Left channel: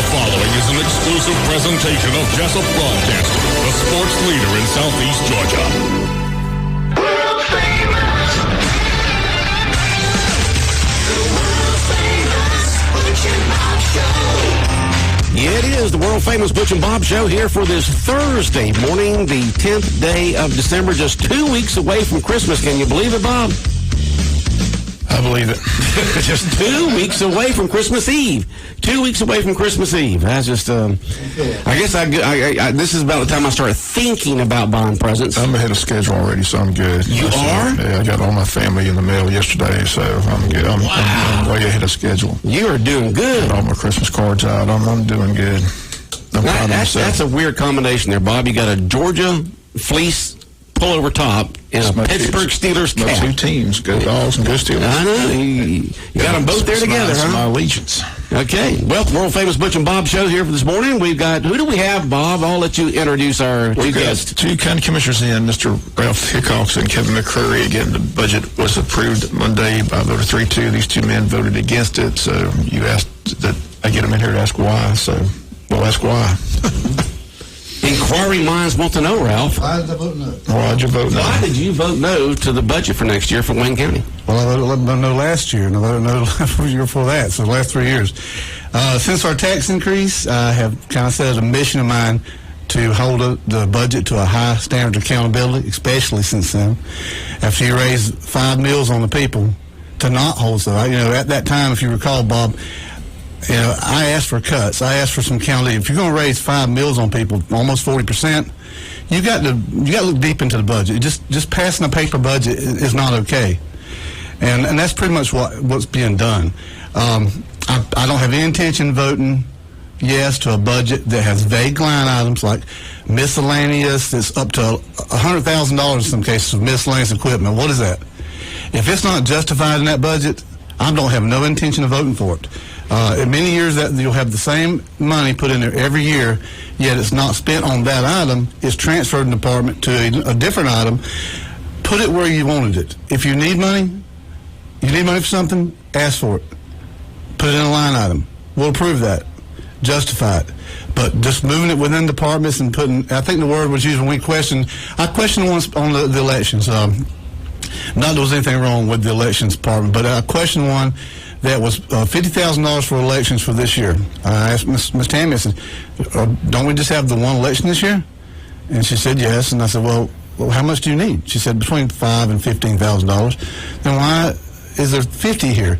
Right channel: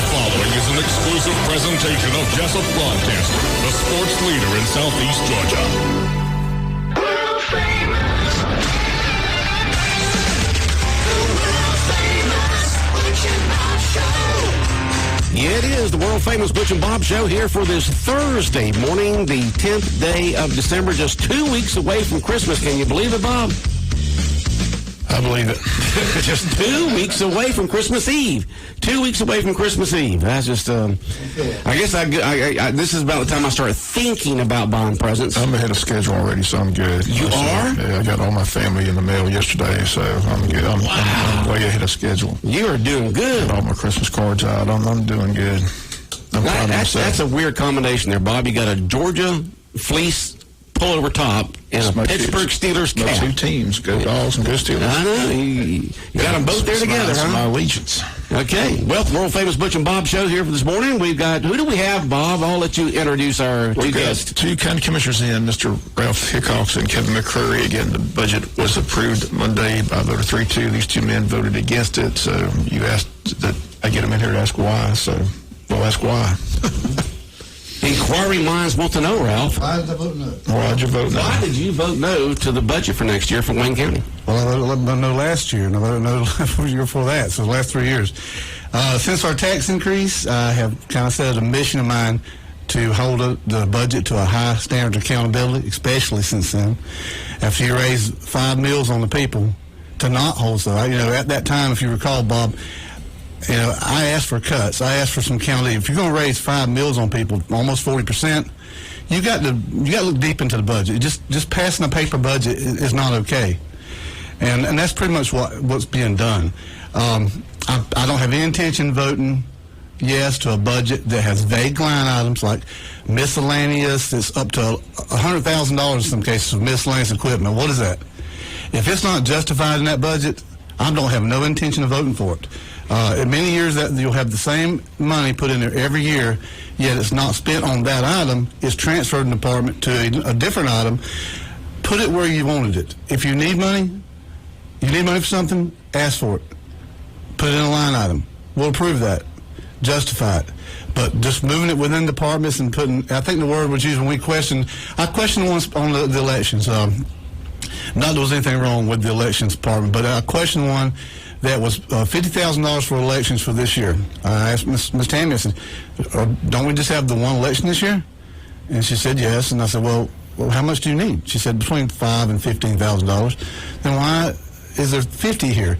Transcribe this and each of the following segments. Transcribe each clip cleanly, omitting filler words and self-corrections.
The following is an exclusive presentation of Jessup Broadcast, the sports leader in Southeast Georgia. World famous. The world famous Butch and Bob Show. Yeah, it is the world famous Butch and Bob Show here for this Thursday morning, the 10th day of December, just 2 weeks away from Christmas. Can you believe it, Bob? I believe it. Just 2 weeks away from Christmas Eve. 2 weeks away from Christmas Eve. That's just, I guess this is about the time I started thinking about buying presents. I'm ahead of schedule already, so I'm good. You are? Yeah, I got all my family in the mail yesterday, so I'm good. I'm way ahead of schedule. You are doing good. Got all my Christmas cards out. I'm doing good. That's a weird combination there, Bob. You got a Georgia fleece pullover top and a Pittsburgh Steelers cap. My two teams, go Dogs and go Steelers. I know. You got them both there together, That's huh? my allegiance. Okay. Well, the world famous Butch and Bob Show here for this morning. We've got, who do we have, Bob? I'll let you introduce our two guests. Two county commissioners in, Mr. Ralph Hickox and Kevin McCrary. Again, the budget was approved Monday by vote of 3-2. These two men voted against it, so you asked that I get them in here to ask why, so we'll ask why. Inquiring minds want to know, Ralph. Why did I vote no? Why did you vote no? Why did you vote no to the budget for next year for Wayne County? Well, I voted no last year, and I voted no the year before that, so the last 3 years. Since our tax increase, I have kind of set a mission of mine to hold the budget to a high standard of accountability, especially since then. After you raise 5 meals on the people, to not hold so. At that time, if you recall, Bob, I asked for cuts. I asked for some county. If you're going to raise 5 meals on people, almost 40%, you got to look deep into the budget. Just passing a paper budget is not okay, and that's pretty much what's being done. I don't have any intention of voting yes to a budget that has vague line items like miscellaneous. It's up to $100,000 in some cases of miscellaneous equipment. What is that? If it's not justified in that budget, I don't have no intention of voting for it. In many years, that you'll have the same money put in there every year, yet it's not spent on that item. It's transferred in the department to a different item. Put it where you wanted it. If you need money for something, ask for it. Put it in a line item. We'll approve that. Justify it. But just moving it within departments and I think the word was used when we questioned. I questioned once on the elections. Not that there was anything wrong with the elections department, but I questioned one that was $50,000 for elections for this year. I asked Ms. Tammy, I said, don't we just have the one election this year? And she said yes. And I said, well, how much do you need? She said between $5,000 and $15,000. Then why is there 50 here?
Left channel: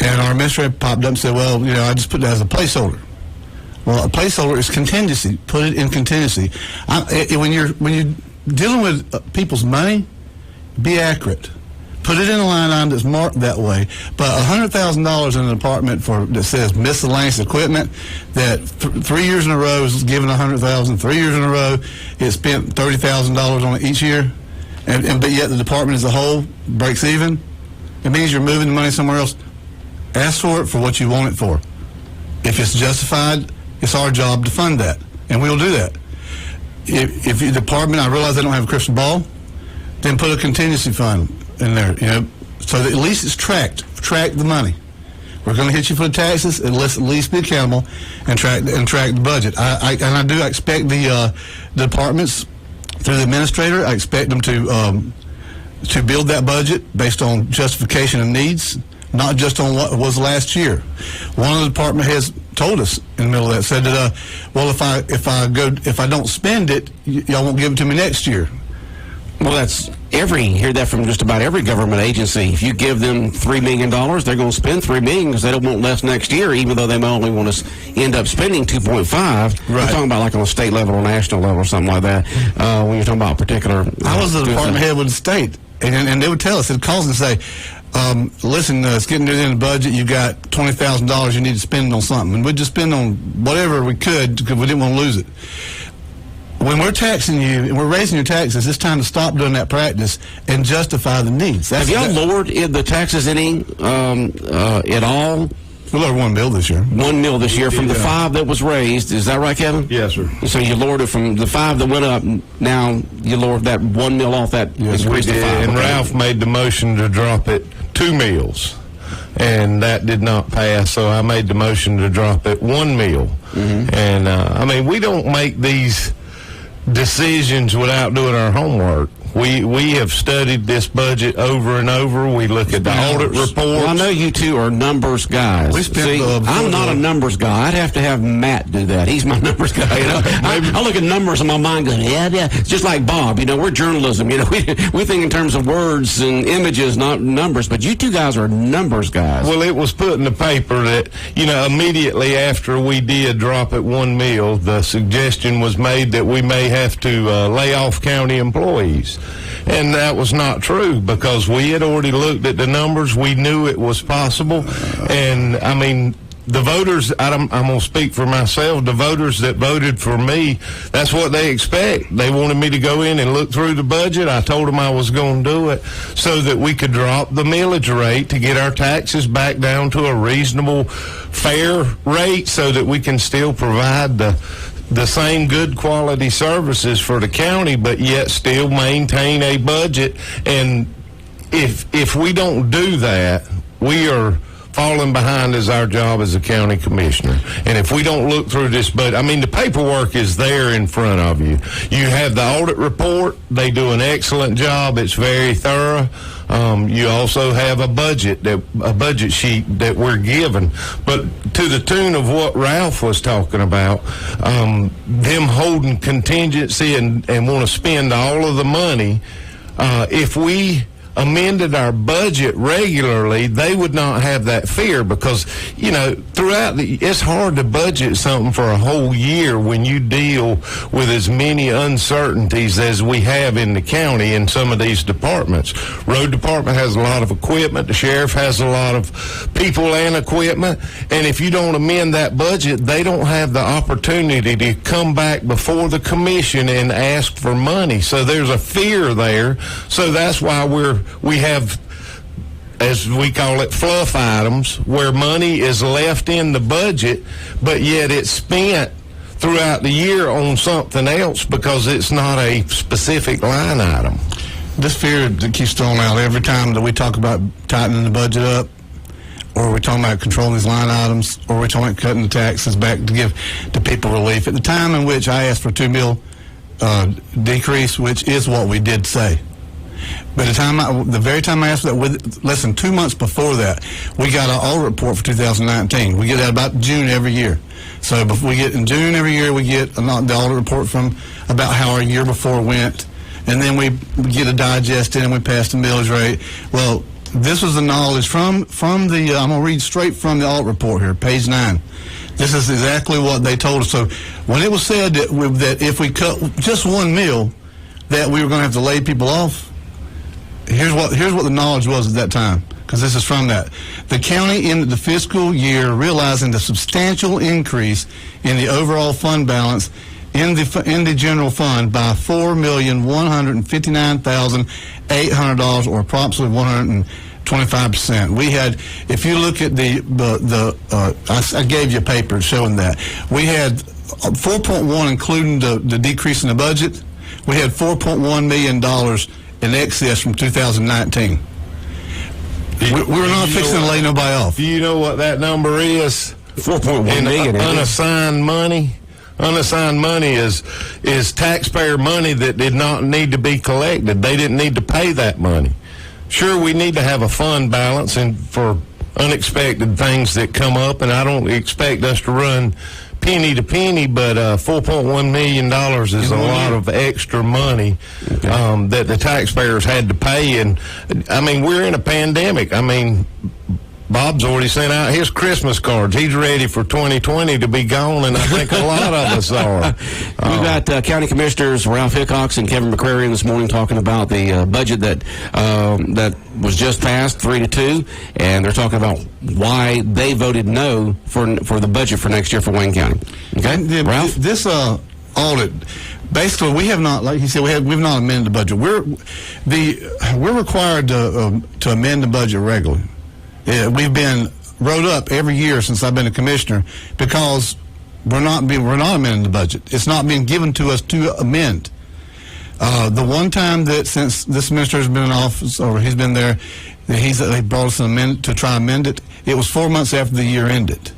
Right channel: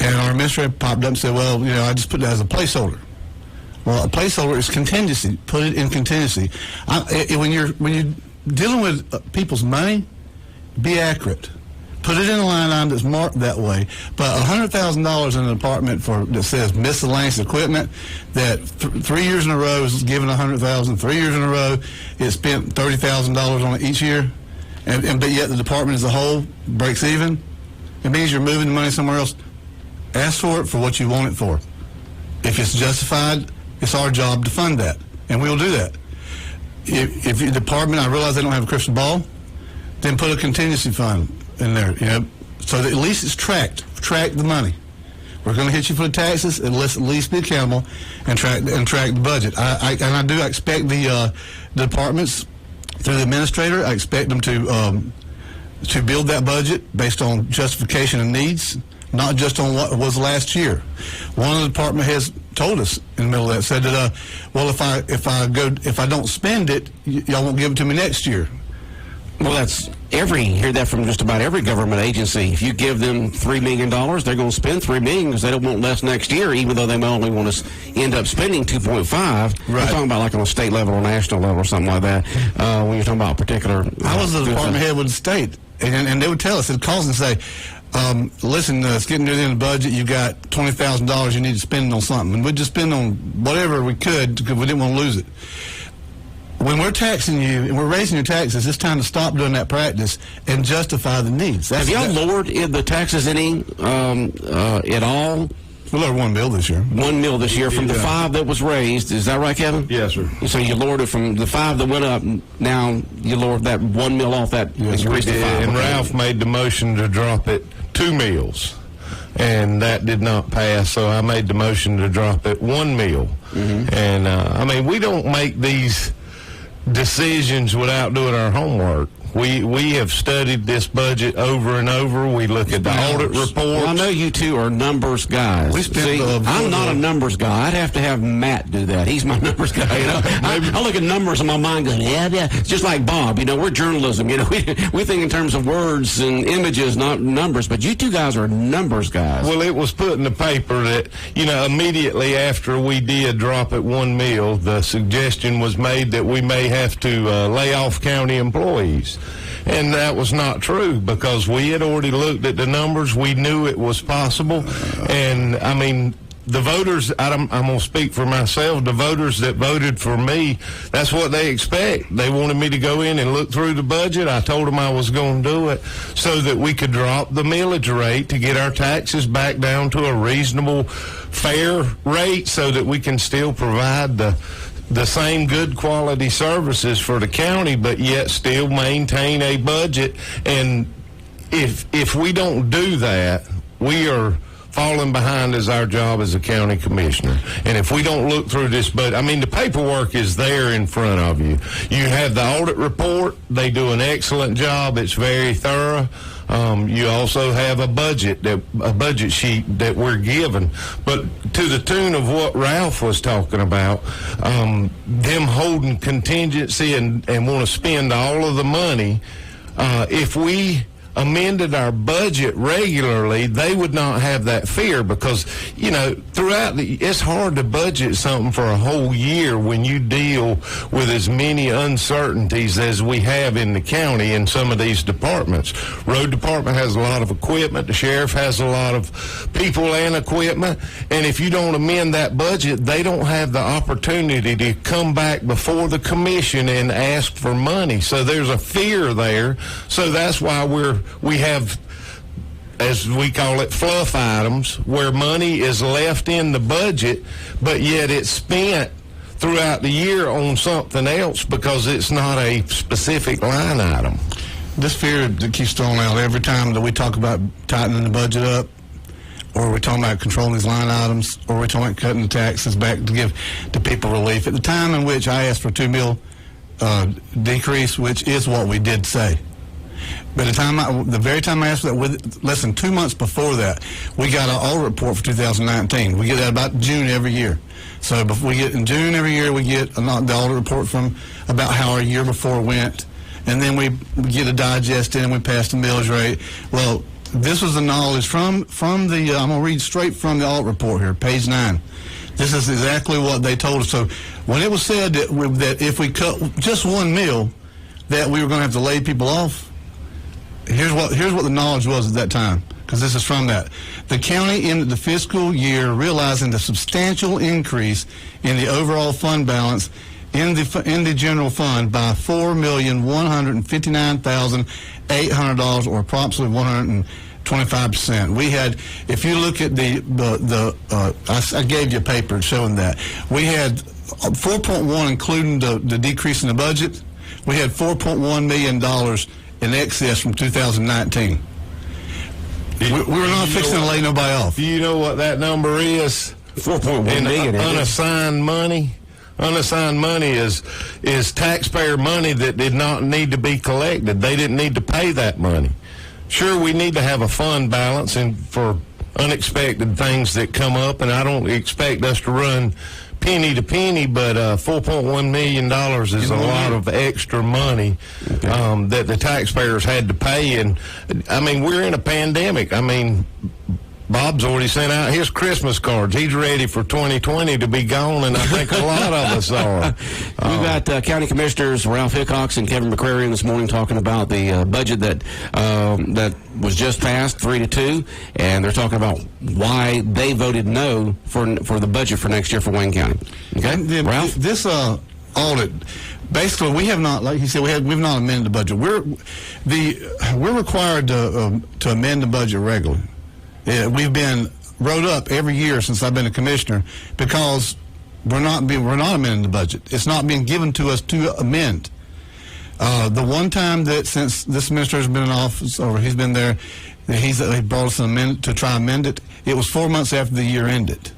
And our administrator popped up and said, well, I just put that as a placeholder. Well, a placeholder is contingency. Put it in contingency. When you're dealing with people's money, be accurate. Put it in a line item that's marked that way. But $100,000 in an department that says miscellaneous equipment that 3 years in a row is given $100,000. 3 years in a row is spent $30,000 on it each year, but yet the department as a whole breaks even. It means you're moving the money somewhere else. Ask for it for what you want it for. If it's justified, it's our job to fund that, and we'll do that. If your department, I realize they don't have a crystal ball, then put a contingency fund in there, so that at least it's tracked. Track the money. We're going to hit you for the taxes, and let's at least be accountable and track the budget. I do expect the departments through the administrator. I expect them to build that budget based on justification and needs, not just on what was last year. One of the department heads told us in the middle of that, said that, well, if I don't spend it, y'all won't give it to me next year. Well, hear that from just about every government agency. If you give them $3 million, they're going to spend $3 million because they don't want less next year, even though they may only want to end up spending 2.5. Right. We're talking about like on a state level or national level or something like that. When you're talking about particular. I was the department head with the state, and they would tell us, they'd call us and say, listen, it's getting near the end of the budget. You got $20,000 you need to spend on something, and we'd just spend on whatever we could because we didn't want to lose it. When we're taxing you and we're raising your taxes, it's time to stop doing that practice and justify the needs. Have y'all lowered the taxes any at all? We lowered $1 million this year. $1 million this year from the 5 that was raised. Is that right, Kevin? Yes, sir. So you lowered it from the 5 that went up. Now you lowered that $1 million off that. Yes, increased to 5. And Ralph made the motion to drop it 2 meals. and that did not pass. So I made the motion to drop it 1 mil. And I mean, we don't make these decisions without doing our homework. We have studied this budget over and over. We look at the audit reports. Well, I know you two are numbers guys. See, I'm not a numbers guy. I'd have to have Matt do that. He's my numbers guy. You know? I look at numbers in my mind going, yeah. It's just like Bob. You know, we're journalism. You know, we think in terms of words and images, not numbers. But you two guys are numbers guys. Well, it was put in the paper that, you know, immediately after we did drop it 1 mil, the suggestion was made that we may have to lay off county employees. And that was not true, because we had already looked at the numbers. We knew it was possible. And, I mean, the voters, I'm going to speak for myself, the voters that voted for me, that's what they expect. They wanted me to go in and look through the budget. I told them I was going to do it so that we could drop the millage rate to get our taxes back down to a reasonable, fair rate so that we can still provide the same good quality services for the county, but yet still maintain a budget. And if we don't do that, we are falling behind as our job as a county commissioner. And if we don't look through this budget, I mean, the paperwork is there in front of you. You have the audit report. They do an excellent job. It's very thorough. You also have a budget sheet that we're given. But to the tune of what Ralph was talking about, them holding contingency and want to spend all of the money, if we amended our budget regularly, they would not have that fear, because, you know, it's hard to budget something for a whole year when you deal with as many uncertainties as we have in the county in some of these departments. Road department has a lot of equipment. The sheriff has a lot of people and equipment. And if you don't amend that budget, they don't have the opportunity to come back before the commission and ask for money. So there's a fear there. So that's why we have, as we call it, fluff items, where money is left in the budget, but yet it's spent throughout the year on something else because it's not a specific line item. This fear that keeps thrown out every time that we talk about tightening the budget up, or we're talking about controlling these line items, or we're talking about cutting the taxes back to give the people relief. At the time in which I asked for $2 million decrease, which is what we did say, but the very time I asked for that, less than 2 months before that, we got an audit report for 2019. We get that about June every year. So before we get in June every year, we get the audit report from about how our year before went, and then we get a digest in and we pass the millage rate. Well, this was the knowledge from the. I'm going to read straight from the audit report here, page 9. This is exactly what they told us. So when it was said that if we cut just 1 mil, that we were going to have to lay people off. Here's what the knowledge was at that time, because this is from that. The county ended the fiscal year realizing the substantial increase in the overall fund balance in the general fund by $4,159,800, or approximately 125%. We had, if you look at I gave you a paper showing that we had 4.1, including the decrease in the budget. We had $4.1 million in excess from 2019. We're not fixing to lay nobody off. Do you know what that number is? 4.1 million. Unassigned money. Unassigned money is taxpayer money that did not need to be collected. They didn't need to pay that money. Sure, we need to have a fund balance and for unexpected things that come up, and I don't expect us to run penny to penny, but $4.1 million is a lot of extra money that the taxpayers had to pay. And, I mean, we're in a pandemic. I mean, Bob's already sent out his Christmas cards. He's ready for 2020 to be gone, and I think a lot of us are. We've got County Commissioners Ralph Hickox and Kevin McCrary this morning talking about the budget that was just passed, 3-2, and they're talking about why they voted no for the budget for next year for Wayne County. Okay, yeah, Ralph? This audit, basically, we have not, like you said, we've not amended the budget. We're required to amend the budget regularly. Yeah, we've been wrote up every year since I've been a commissioner because we're not amending the budget. It's not being given to us to amend. The one time that since this minister has been in office, or he's been there, he brought us an amendment to try to amend it, it was 4 months after the year ended.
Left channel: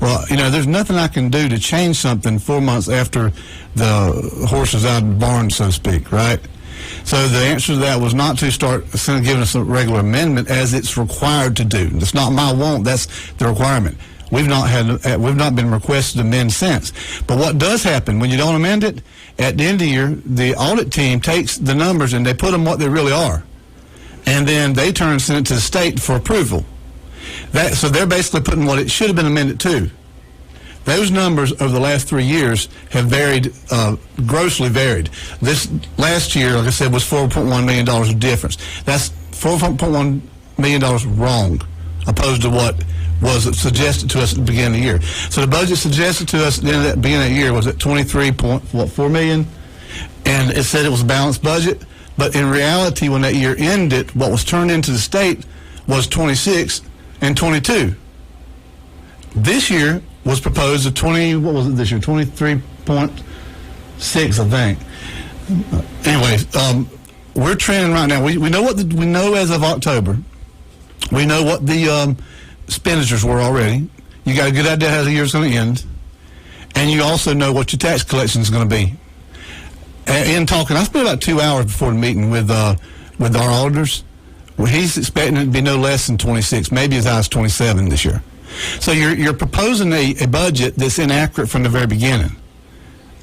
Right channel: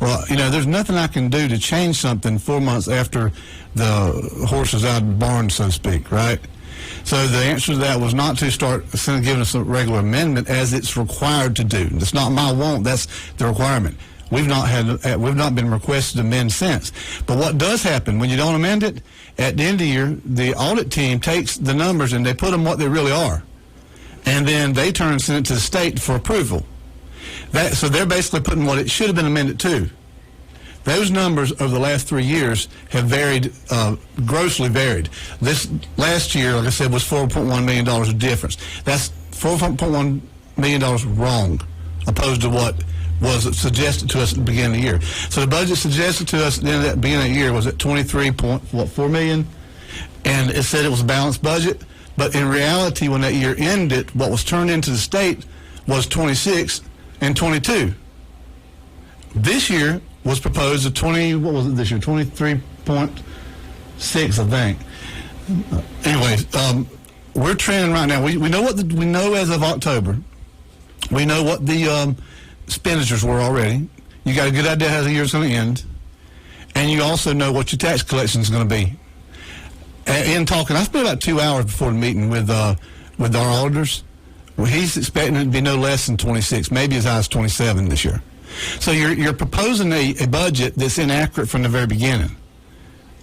Well, there's nothing I can do to change something 4 months after the horse is out of the barn, so to speak, right? So the answer to that was not to start giving us a regular amendment as it's required to do. It's not my want, that's the requirement. We've not been requested to amend since. But what does happen when you don't amend it, at the end of the year, the audit team takes the numbers and they put them what they really are. And then they turn and send it to the state for approval. So they're basically putting what it should have been amended to. Those numbers over the last 3 years have varied, grossly varied. This last year, like I said, was $4.1 million of difference. That's $4.1 million wrong, opposed to what was suggested to us at the beginning of the year. So the budget suggested to us at the beginning of the year was at $23.4 million, and it said it was a balanced budget. But in reality, when that year ended, what was turned into the state was 26 and 22. This year was proposed at 23.6, I think. Anyways, we're trending right now. We know we know as of October. We know what the expenditures were already. You got a good idea how the year's going to end, and you also know what your tax collection is going to be. In talking, I spent about 2 hours before the meeting with our auditors. Well, he's expecting it to be no less than 26, maybe as high as 27 this year. So you're proposing a budget that's inaccurate from the very beginning.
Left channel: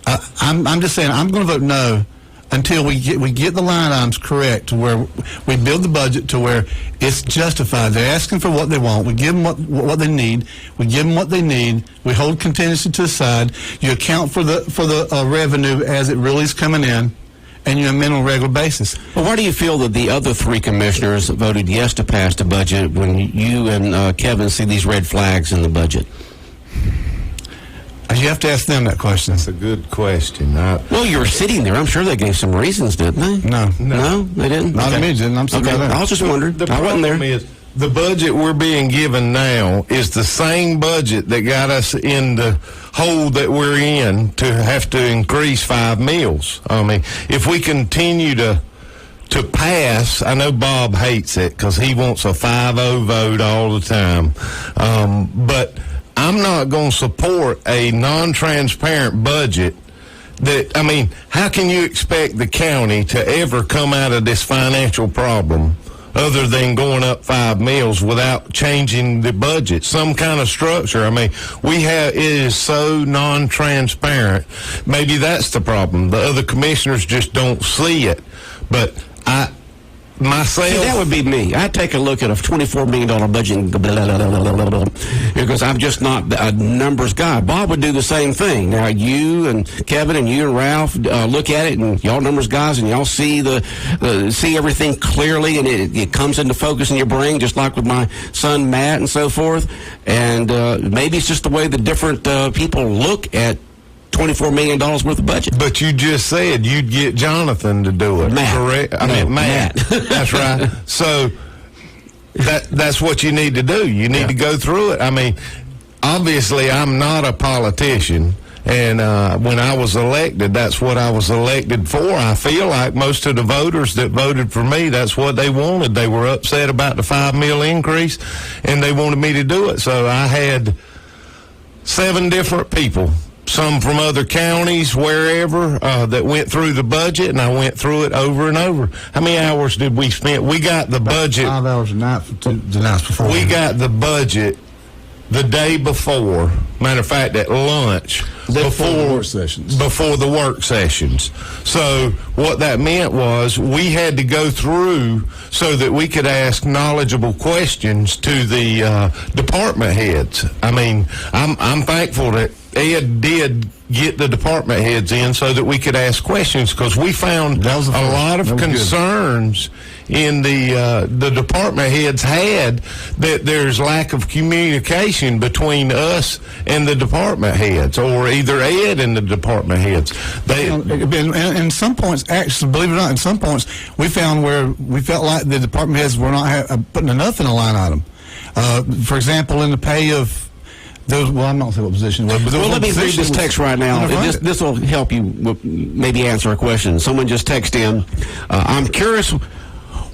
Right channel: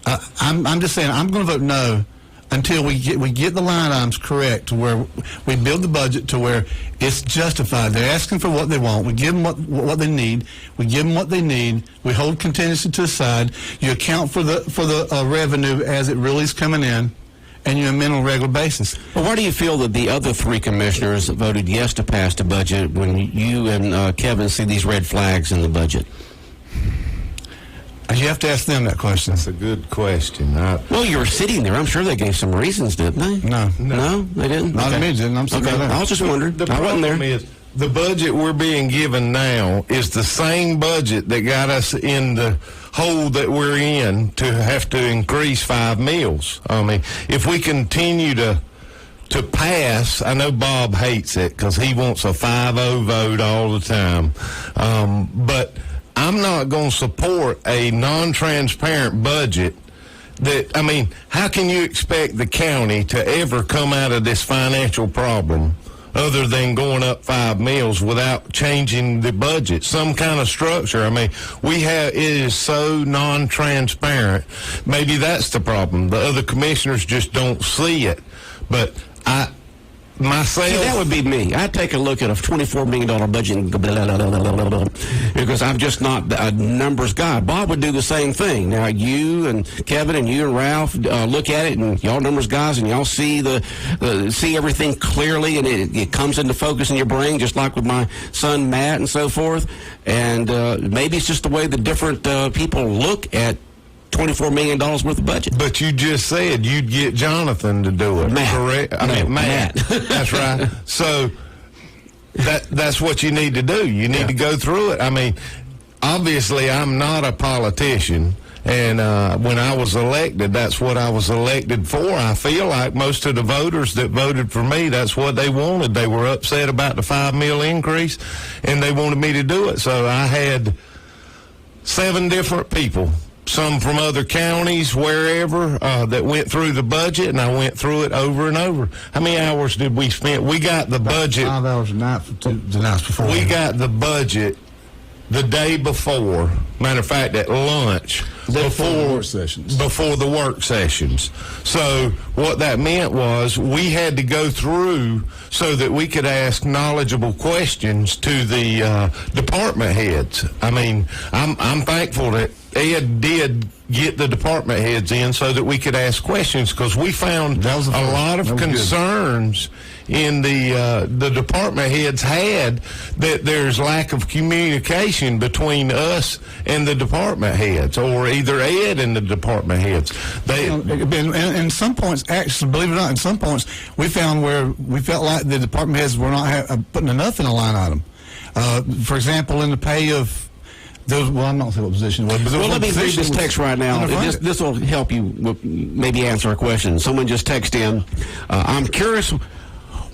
I'm just saying I'm going to vote no until we get the line items correct, to where we build the budget to where it's justified. They're asking for what they want. We give them what they need. We give them what they need. We hold contingency to the side. You account for the revenue as it really is coming in, and you amend on a regular basis. Well, why do you feel that the other three commissioners voted yes to pass the budget when you and Kevin see these red flags in the budget? You have to ask them that question. That's a good question. Well, you were sitting there. I'm sure they gave some reasons, didn't they? No, they didn't. Not okay. me, didn't. I'm still there. I was just wondering. The problem is the budget we're being given now is the same budget that got us in the hole that we're in to have to increase 5 meals. I mean, if we continue to pass, I know Bob hates it because he wants a 5-0 vote all the time, but I'm not going to support a non-transparent budget how can you expect the county to ever come out of this financial problem other than going up 5 meals without changing the budget, some kind of structure? It is so non-transparent. Maybe that's the problem. The other commissioners just don't see it. But myself, that would be me. I'd take a look at a $24 million budget and go, blah, blah, blah, blah, blah, because I'm just not a numbers guy. Bob would do the same thing. Now, you and Kevin and you and Ralph look at it, and y'all numbers guys, and y'all see see everything clearly, and it comes into focus in your brain, just like with my son Matt and so forth. And maybe it's just the way the different people look at $24 million worth of budget. But you just said you'd get Jonathan to do it. Matt. Correct? Matt. That's right. So that's what you need to do. You need to go through it. Obviously, I'm not a politician. And when I was elected, that's what I was elected for. I feel like most of the voters that voted for me, that's what they wanted. They were upset about the 5 meal increase, and they wanted me to do it. So I had 7 different people, some from other counties, wherever, that went through the budget, and I went through it over and over. How many hours did we spend? We got the budget. 5 hours a night the nights before. We got the budget the day before. Matter of fact, at lunch. Before the work sessions. Before the work sessions. So what that meant was we had to go through so that we could ask knowledgeable questions to the department heads. I'm thankful that Ed did get the department heads in so that we could ask questions, because we found a lot of concerns in the department heads had that there's lack of communication between us and the department heads, or either Ed and the department heads. In some points, actually, believe it or not, in some points, we found where we felt like the department heads were not putting enough in a line item. For example, in the pay of I'm not saying what position it was. Well, let me read this text right now. This will help you maybe answer a question. Someone just texted in. I'm curious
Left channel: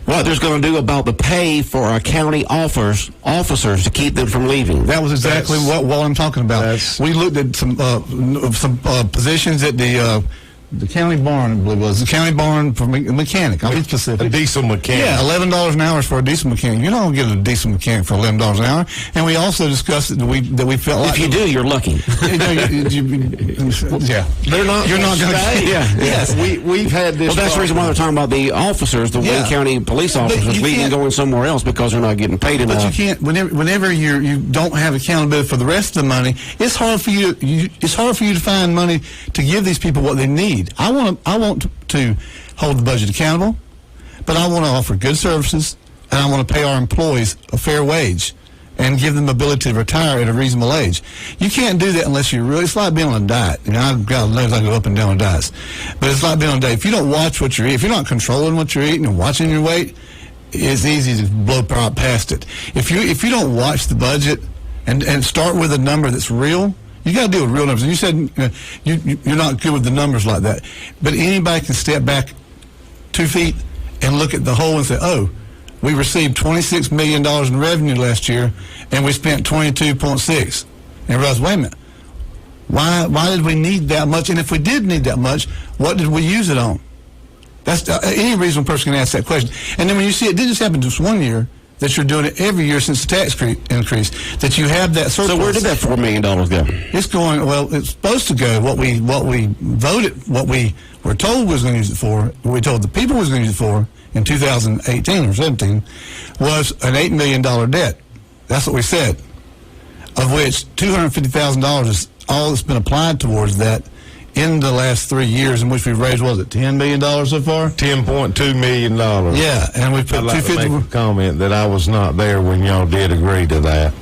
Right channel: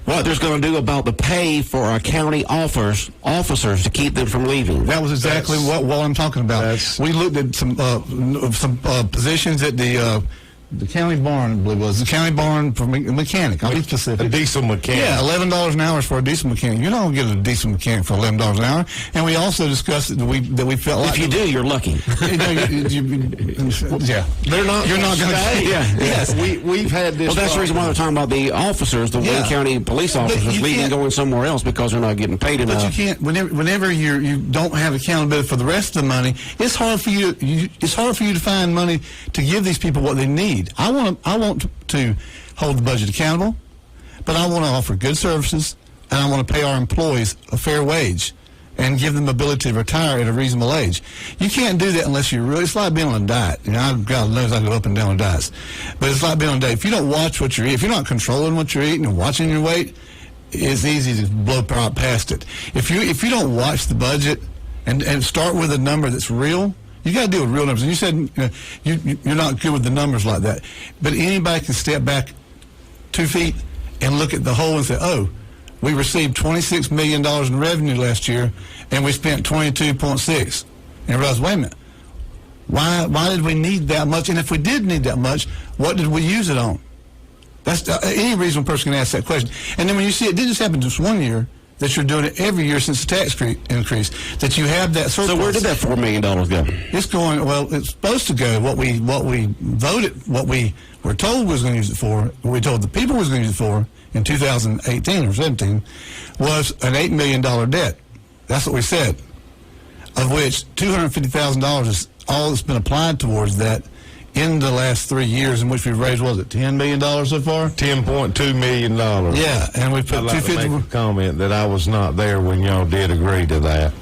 what there's going to do about the pay for our county officers officers to keep them from leaving. That was exactly what I'm talking about. We looked at some positions at the county barn, I believe it was. The county barn for mechanic. I'll be specific. A diesel mechanic. Yeah, $11 an hour is for a diesel mechanic. You're not going to get a diesel mechanic for $11 an hour. And we also discussed that we felt like... If you do, you're lucky. Yeah. They're not. You're not going to stay. Yeah. Yes, we've had this. Well, that's the reason why they're talking about the officers, the Wayne County police officers leaving and going somewhere else because they're not getting paid enough. But you can't. Whenever you don't have accountability for the rest of the money, it's hard for you. It's hard for you to find money to give these people what they need. I want to hold the budget accountable, but I want to offer good services, and I want to pay our employees a fair wage and give them the ability to retire at a reasonable age. You can't do that unless you're really... It's like being on a diet. You know, I've got knows I go up and down on diets. But it's like being on a diet. If you don't watch what you're eating, if you're not controlling what you're eating and watching your weight, it's easy to blow past it. If you don't watch the budget and start with a number that's real, you got to deal with real numbers. And you said you're not good with the numbers like that. But anybody can step back 2 feet and look at the whole and say, oh, we received $26 million in revenue last year, and we spent $22.6. And realize, wait a minute, why did we need that much? And if we did need that much, what did we use it on? That's any reasonable person can ask that question. And then when you see it didn't just happen just 1 year, that you're doing it every year since the tax increase, that you have that surplus. So where did that $4 million go? It's going, well, it's supposed to go, what we voted, what we were told was going to use it for, what we told the people was going to use it for in 2018 or 17, was an $8 million debt. That's what we said, of which $250,000 is all that's been applied towards that in the last 3 years, in which we've raised, what was it, $10 million so far? $10.2 million. Yeah, and we put I'd like to make a comment that I was not there when y'all did agree to that.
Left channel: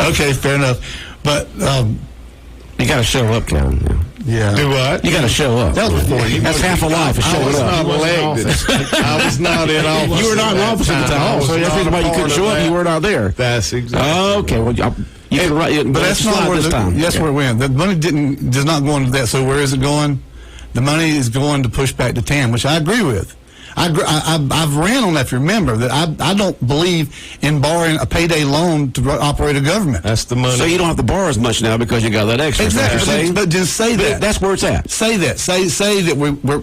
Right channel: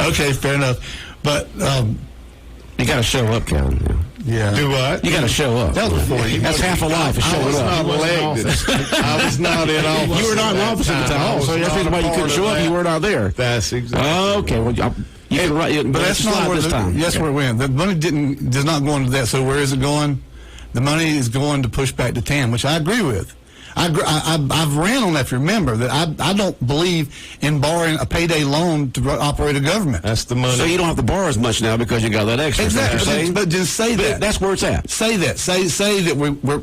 Okay, fair enough. But you got to show up, Kevin. yeah, Do what? You got to show up. that was before you. That's half a life is showing up. I was not in office. You were not in office at the time, so that's why you couldn't show up. You were not there. That's exactly. Okay, well, you can write, But that's not where this time. That's where it went. The money does not go into that. So where is it going? The money is going to push back to TAM, which I agree with. I've ran on that. If you remember that, I don't believe in borrowing a payday loan to operate a government. That's the money. So you don't have to borrow as much now because you got that extra. Exactly. But just say that. That's where it's at. Say that. Say that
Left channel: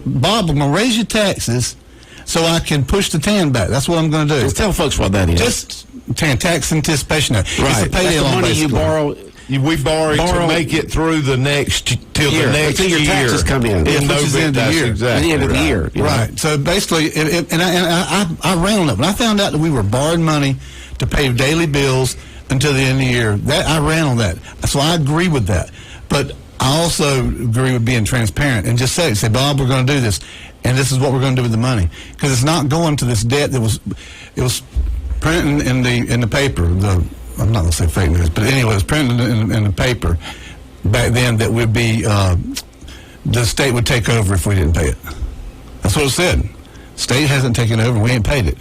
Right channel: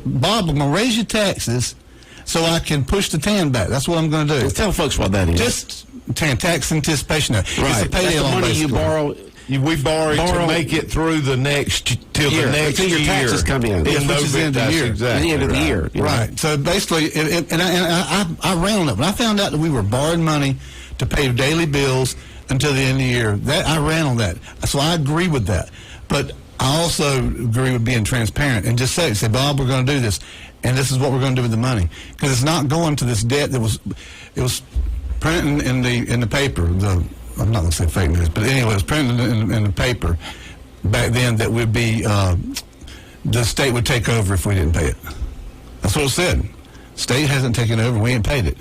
Bob, I'm going to raise your taxes so I can push the TAN back. That's what I'm going to do. Just tell folks what that is. Just TAN, tax anticipation. Right. It's a payday loan, money you basically. borrow. We borrow to make it through the next till the next until your year. taxes come in. Which is the end of the year. Exactly At the end of the year. you know. Right. So basically, I ran on it. When I found out that we were borrowing money to pay daily bills until the end of the year, I ran on that. So I agree with that. But I also agree with being transparent and just say, Bob, we're going to do this, and this is what we're going to do with the money, because it's not going to this debt that was printed in the paper. I'm not going to say fake news, but anyway, it was printed in the paper back then that would be the state would take over if we didn't pay it. That's what it said. State hasn't taken over. We ain't paid it.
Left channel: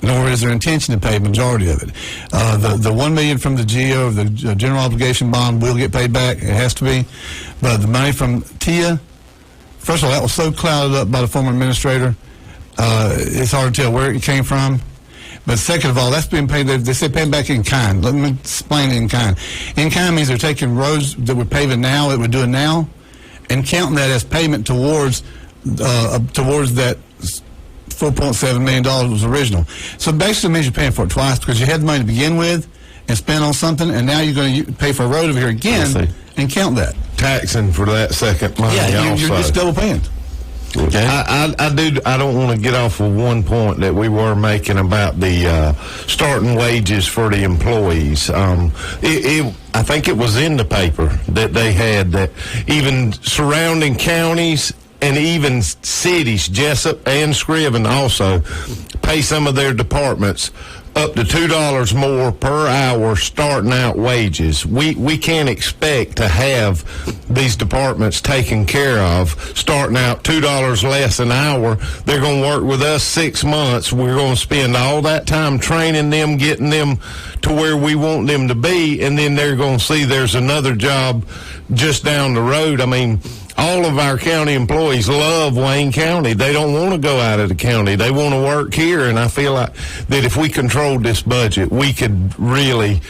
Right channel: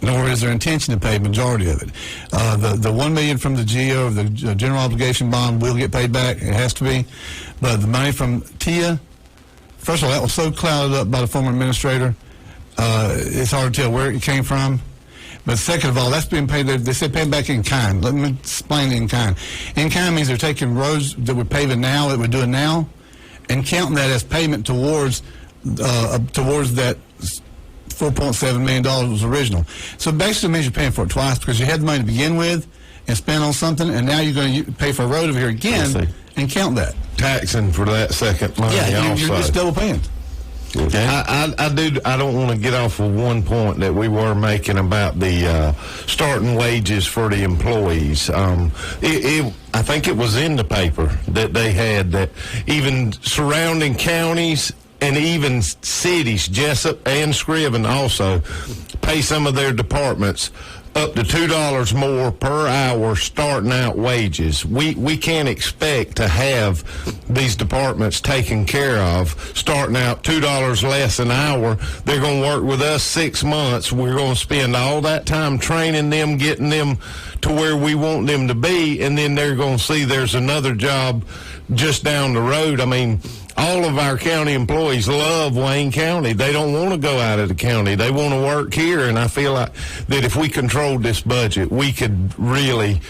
Nor is their intention to pay the majority of it. The $1 million from the GO, the general obligation bond, will get paid back. It has to be. But the money from TIA, first of all, that was so clouded up by the former administrator. It's hard to tell where it came from. But second of all, that's being paid. They say pay back in kind. Let me explain in kind. In kind means they're taking roads that we're paving now, that we're doing now, and counting that as payment towards that $4.7 million was original. So basically it means you're paying for it twice, because you had the money to begin with and spend on something, and now you're going to pay for a road over here again and count that. Taxing for that second money. Yeah, you're just double paying. Okay. I don't want to get off of one point that we were making about the starting wages for the employees. I think it was in the paper that they had that even surrounding counties and even cities, Jessup and Scriven, also pay some of their departments up to $2 more per hour starting out wages. We can't expect to have these departments taken care of starting out $2 less an hour. They're going to work with us 6 months. We're going to spend all that time training them, getting them to where we want them to be, and then they're going to see there's another job just down the road. I mean, all of our county employees love Wayne County. They don't want to go out of the county. They want to work here, and I feel like that if we controlled this budget, we could really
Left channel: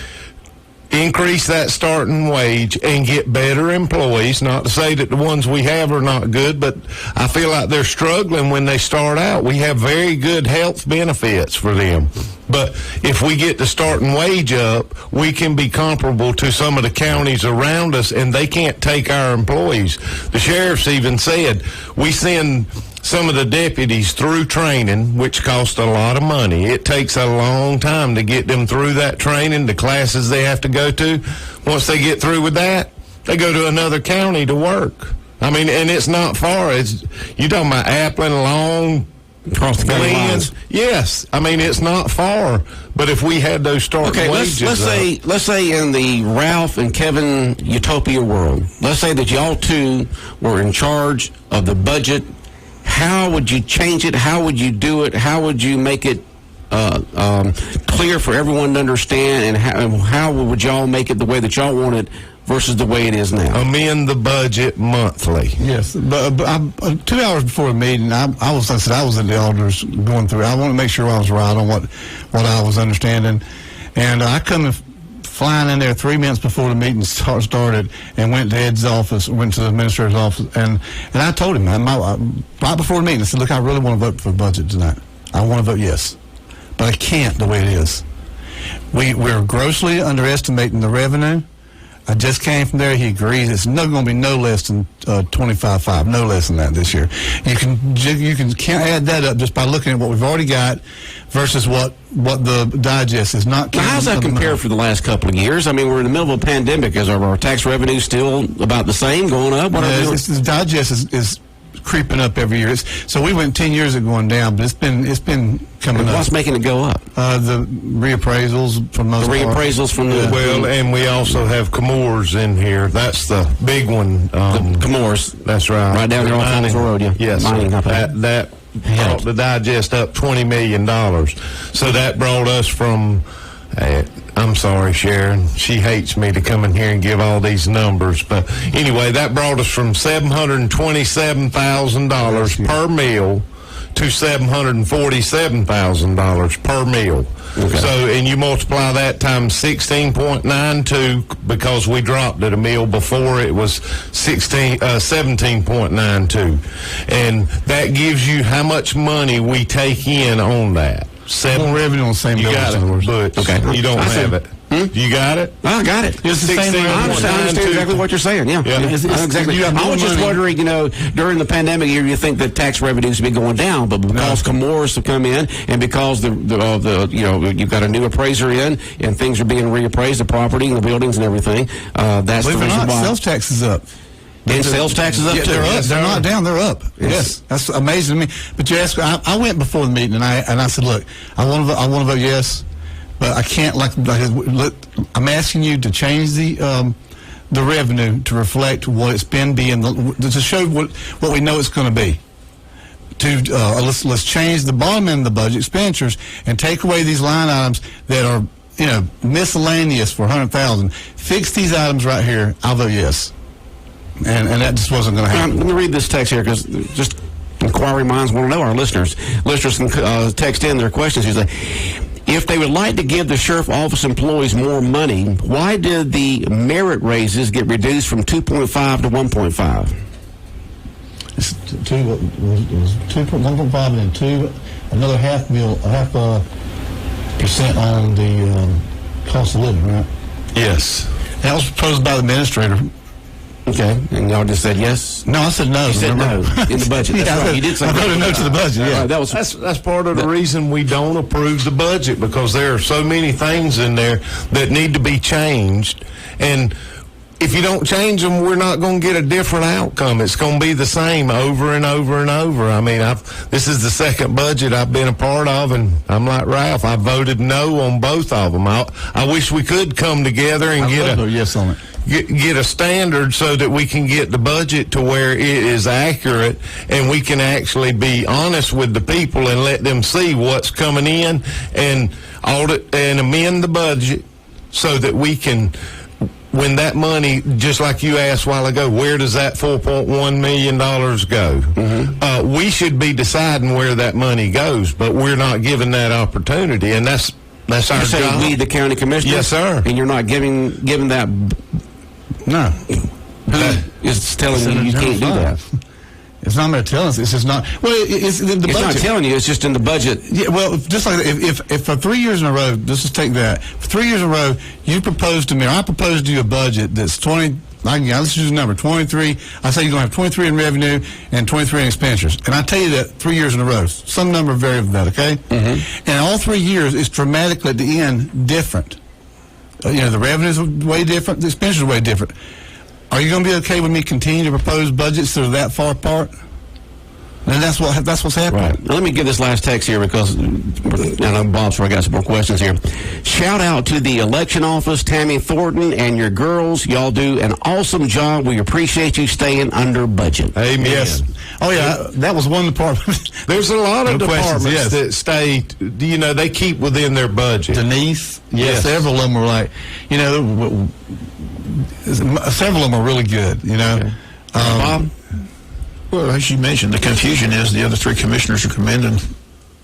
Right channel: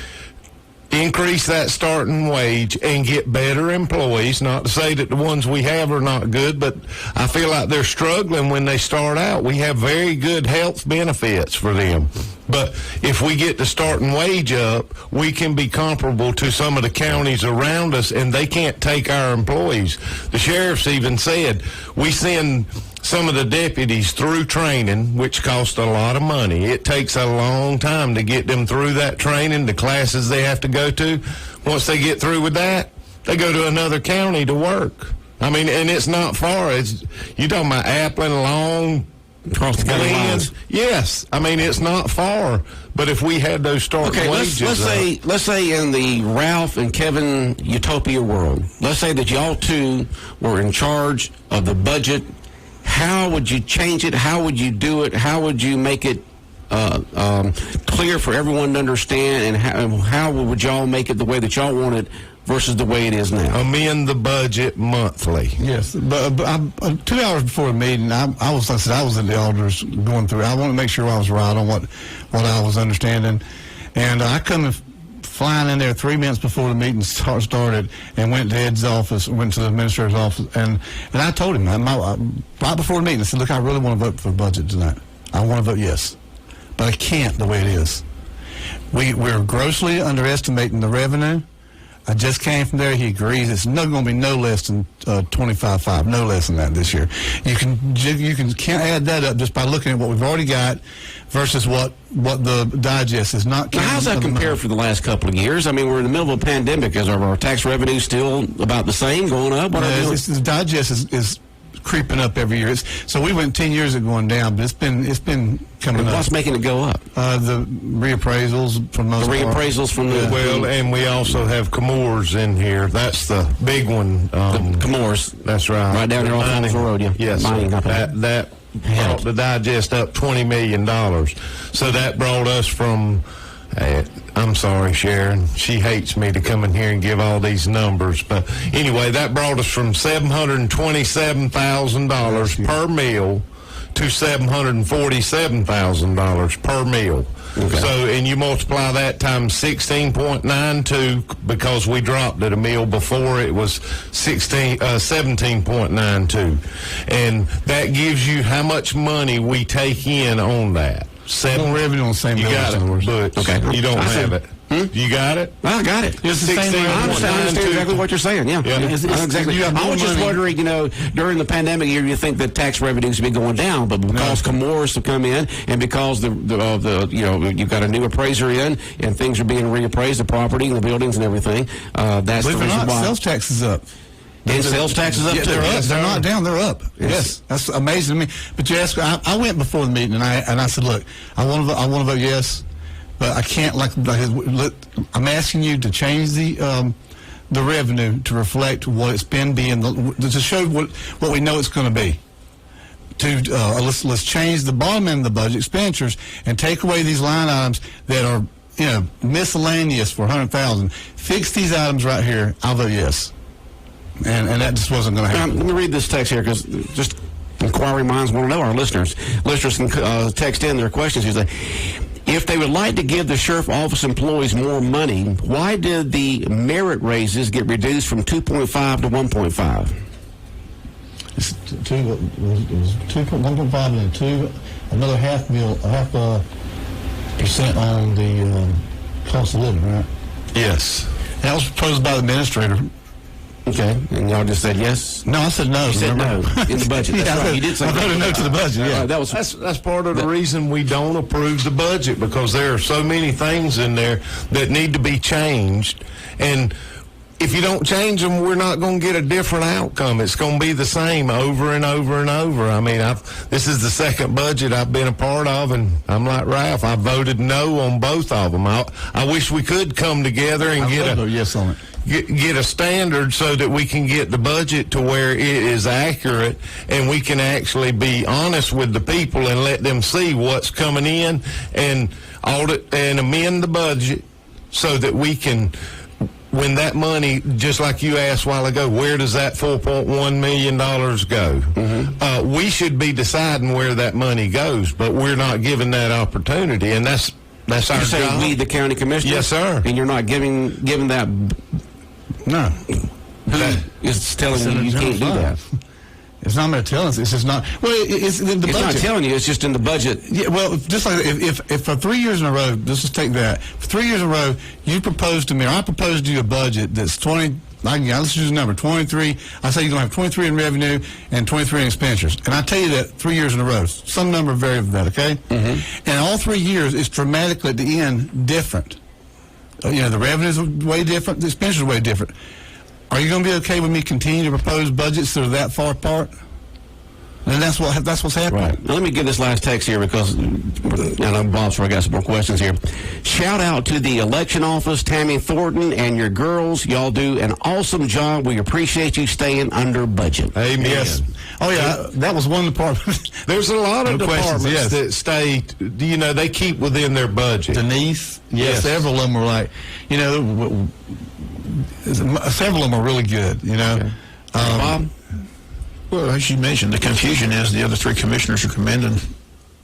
increase that starting wage and get better employees. Not to say that the ones we have are not good, but I feel like they're struggling when they start out. We have very good health benefits for them. But if we get the starting wage up, we can be comparable to some of the counties around us, and they can't take our employees. The sheriff's even said, we send some of the deputies through training, which costs a lot of money. It takes a long time to get them through that training, the classes they have to go to. Once they get through with that, they go to another county to work. I mean, and it's not far. You're talking about Appling, Long, across the county lines. Yes, I mean it's not far. But if we had those starting wages, let's say in the Ralph and Kevin utopia world, let's say that y'all two were in charge of the budget. How would you change it? How would you do it? How would you make it clear for everyone to understand? And how would y'all make it the way that y'all want it versus the way it is now? Amend the budget monthly. Yes, but 2 hours before the meeting, I was in the elders going through. I want to make sure I was right on what I was understanding, and I come flying in there 3 minutes before the meeting started, and went to Ed's office, went to the administrator's office, and I told him right before the meeting, I said, "Look, I really want to vote for the budget tonight. I want to vote yes, but I can't the way it is. We're grossly underestimating the revenue." I just came from there. He agrees. It's going to be no less than 25.5, no less than that this year. You can't add that up just by looking at what we've already got versus what the digest is not. How does that compare for the last couple of years? I mean, we're in the middle of a pandemic. Is our tax revenue still about the same, going up? The digest is creeping up every year. So we went 10 years of going down, but it's been coming up. What's making it go up? The reappraisals from those. Well, and we also have Comores in here. That's the big one. Comores. That's right. Right down there on Falls Road. Yeah. Yes. That brought the digest up $20 million. So that brought us from. I'm sorry, Sharon. She hates me to come in here and give all these numbers. But anyway, that brought us from $727,000 per meal to $747,000 per meal. Okay. So, and you multiply that times 16.92 because we dropped it a meal before it was 17.92. And that gives you how much money we take in on that. Revenue on the same numbers. Okay. You don't have it. You got it? I got it. It's the same. I understand exactly what you're saying. Yeah. Exactly. I was just wondering, during the pandemic year, you think that tax revenues would be going down, but because Comores have come in, and because you've got a new appraiser in, and things are being reappraised, the property and the buildings and everything, that's the reason why. Sales tax is up. And sales taxes up too. They're up. They're not down. They're up. Yes, that's amazing to me. But you asked. I went before the meeting and I said, look, I want to vote yes, but I can't. I'm asking you to change the revenue to reflect what it's been being to show what we know it's going to be. Let's change the bottom end of the budget expenditures and take away these line items that are miscellaneous for $100,000. Fix these items right here. I'll vote yes. And that just wasn't going to happen. Let me read this text here because just inquiring minds want to know, our listeners. Listeners can text in their questions. He's like, if they would like to give the sheriff office employees more money, why did the merit raises get reduced from 2.5 to 1.5? It's 1.5 and another half percent on the cost of living, right? Yes. That was proposed by the administrator. Okay, and y'all just said yes? No, I said no. You said no in the budget. That's right. You did say I voted no to the budget. Yeah, that's part of the reason we don't approve the budget, because there are so many things in there that need to be changed, and if you don't change them, we're not going to get a different outcome. It's going to be the same over and over and over. I mean, this is the second budget I've been a part of, and I'm like Ralph. I voted no on both of them. I wish we could come together and get a yes on it. Get a standard so that we can get the budget to where it is accurate and we can actually be honest with the people and let them see what's coming in and audit and amend the budget so that we can when that money, just like you asked a while ago, where does that $4.1 million go? We should be deciding where that money goes, but we're not given that opportunity, and that's our job. We, the county commissioners? Yes, sir. And you're not giving that? No. It's telling you can't do that. It's not going to tell us. It's just not. Well, it's the budget. It's not telling you. It's just in the budget. Yeah. Well, just like if for 3 years in a row, let's just take that. For 3 years in a row, you proposed to me, or I proposed to you a budget that's 20. Let's use a number 23. I say you're going to have 23 in revenue and 23 in expenditures, and I tell you that 3 years in a row. Some number vary of that. Okay. Mm-hmm. And all 3 years, it's dramatically at the end different. The revenues are way different. The expenditures are way different. Are you going to be okay with me continuing to propose budgets that are that far apart? And that's what's happening. Right. Now, let me give this last text here because I know Bob's I got some more questions here. Shout out to the election office, Tammy Thornton, and your girls. Y'all do an awesome job. We appreciate you staying under budget. Amen. Yes. Oh, yeah, that was one department. There's a lot of departments that stay, they keep within their budget. Denise, yes. Several of them were like, several of them are really good, Okay. Bob? Well, as you mentioned, the confusion is the other three commissioners are commending